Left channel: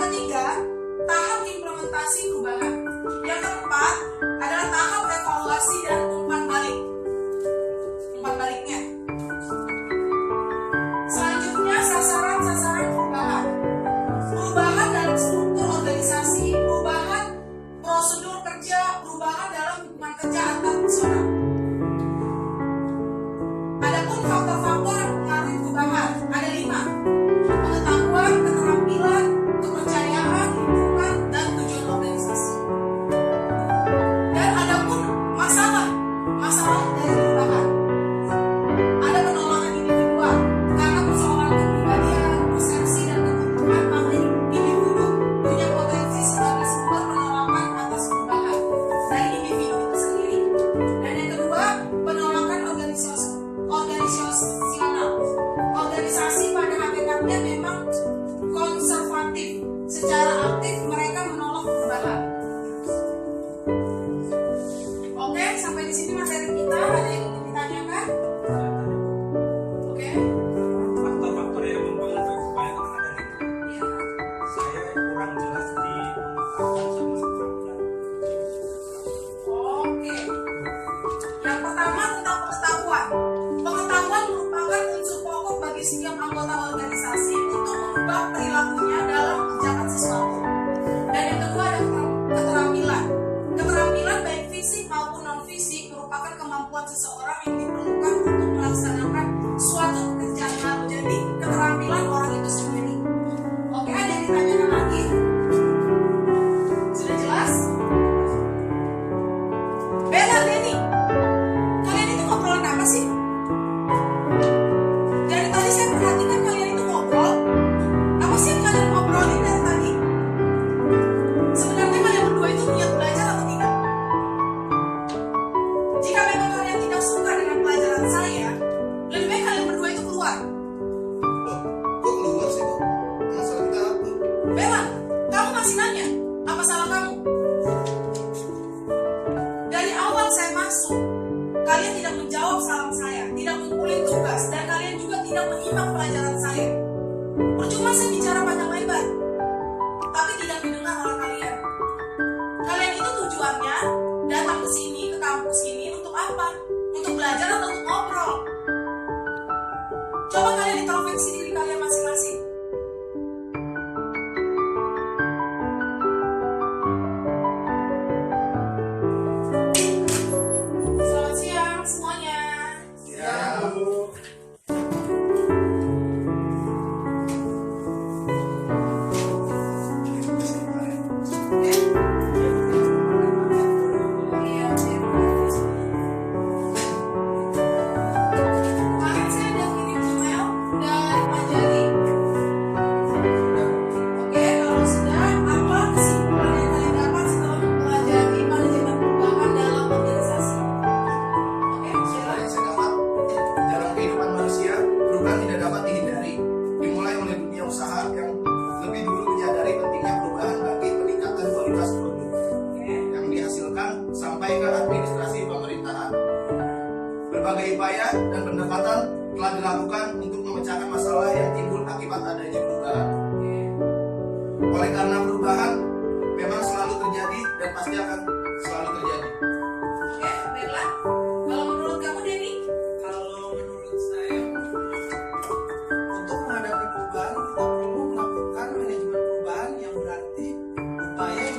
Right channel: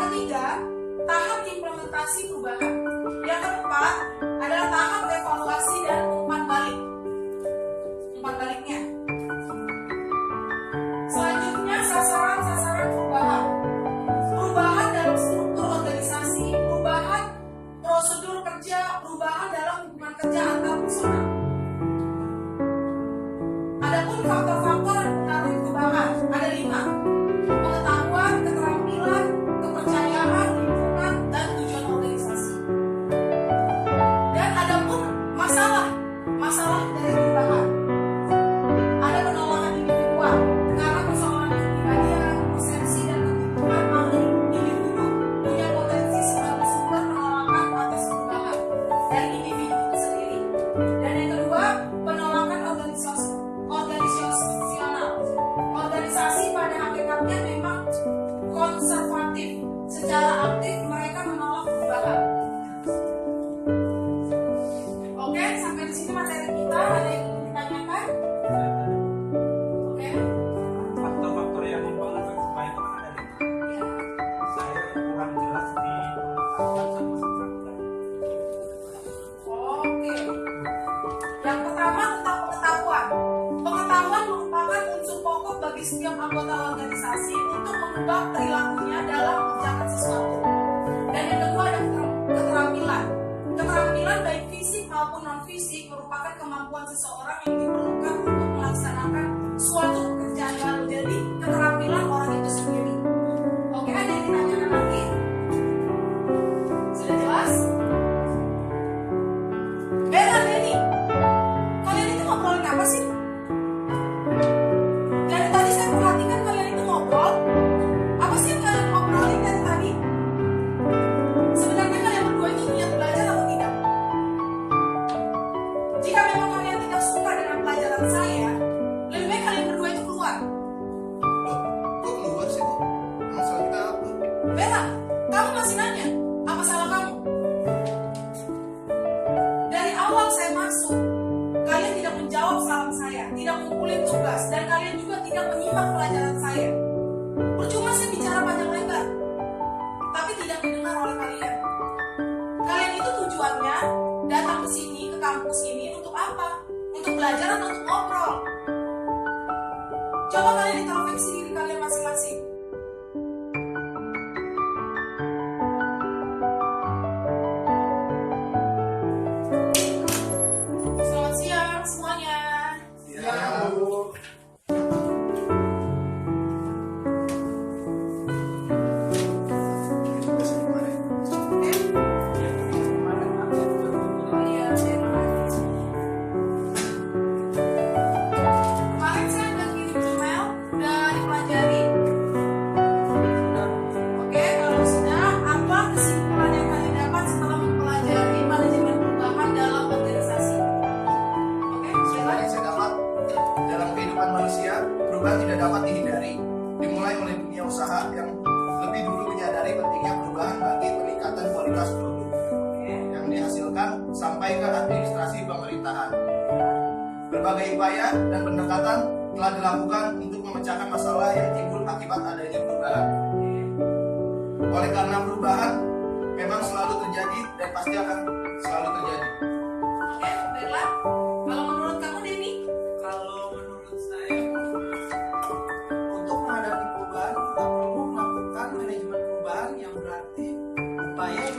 ketiga, tahap implementasi perubahan. Yang keempat adalah tahap evaluasi dan umpan balik. Umpan baliknya. Selanjutnya sasaran-sasaran perubahan. Perubahan dalam struktur organisasi, perubahan prosedur kerja, perubahan dalam hubungan kerja antar personal. Adapun faktor-faktor yang mempengaruhi perubahan ada 5. Pengetahuan, keterampilan, kepercayaan, lingkungan, dan tujuan organisasi. Dan adapun masalah dari perubahan. Ada penolakan individual karena persoalan kepribadian, persepsi, dan kebutuhan maka individu punya potensi sebagai sumber penolakan atas perubahan dari individu itu sendiri. Dan yang kedua, penolakan organisasional. Organisasi pada hakikatnya memang konservatif. Secara aktif mereka menolak perubahan. Oke, sampai di sini materi kita. Ada yang ingin ditanyakan? Oke. Faktor-faktor yang mempengaruhi perubahan itu kan ada 5. Ya. Saya kurang jelas di pengetahuan sama keterampilan. Oke. Yang pertama tentang pengetahuan. Pengetahuan merupakan unsur pokok bagi setiap anggota organisasi untuk mengubah perilakunya dalam mengerjakan sesuatu. Dan yang kedua ada keterampilan. Keterampilan baik fisik maupun non fisik merupakan kemampuan seseorang yang diperlukan untuk melaksanakan suatu pekerjaan baru. Jadi keterampilan orang itu sendiri. Oke, ada yang ditanyakan lagi? Sudah jelas? Bella, Denny, kalian itu ngobrolin apa sih? Dari tadi saya perhatikan kalian itu ngobrol. Apa sih yang kalian ngobrolin dari tadi? Sebenarnya kalian berdua itu niat belajar atau tidak? Jika memang kalian tidak suka dengan pelajaran saya, lebih baik kalian berdua itu keluar. Loh, kok keluar sih, Bu? Masalah kita apa? Bella, kamu masih nanya, apa salah kamu? Dari awal saya masuk, kalian tidak menjawab salam saya, tidak ngumpulin tugas, dan kalian juga tidak menyimak pelajaran saya. Percuma saya bicara panjang lebar, tapi tidak didengar oleh kalian. Kalian itu tujuannya datang ke sini, ke kampus ini untuk apa? Untuk belajar atau untuk ngobrol? Coba kalian introspeksi diri kalian masing-masing. Selamat siang semuanya. Ya, Bu. Ini tugas yang kemarin. Oke? Oh iya, kemarin saya udah kirim email, udah dipelajari. Oke, kalau sudah, apa kesimpulan yang kalian dapat setelah mempelajari manajemen perubahan dalam organisasi? Oke, Setelah Bella? yang saya dapat, dalam kehidupan manusia, perubahan tidak dapat dihindari. Dimulai oleh dunia usaha yang lebih dulu menyadari pentingnya perubahan bagi peningkatan kualitas produk Oke. yang dihasilkan sampai ke administrasi pemerintahan. Berbagai upaya dan pendekatan telah dilakukan untuk memecahkan masalah yang timbul akibat adanya perubahan. Oleh karena perubahan memang selalu terjadi dan pasti akan selalu terjadi. Oke, Bella. Kalau menurut kamu, Denny? Kalau menurut saya, untuk menghadapi perubahan kita perlu melakukan manajemen perubahan yang berarti upaya yang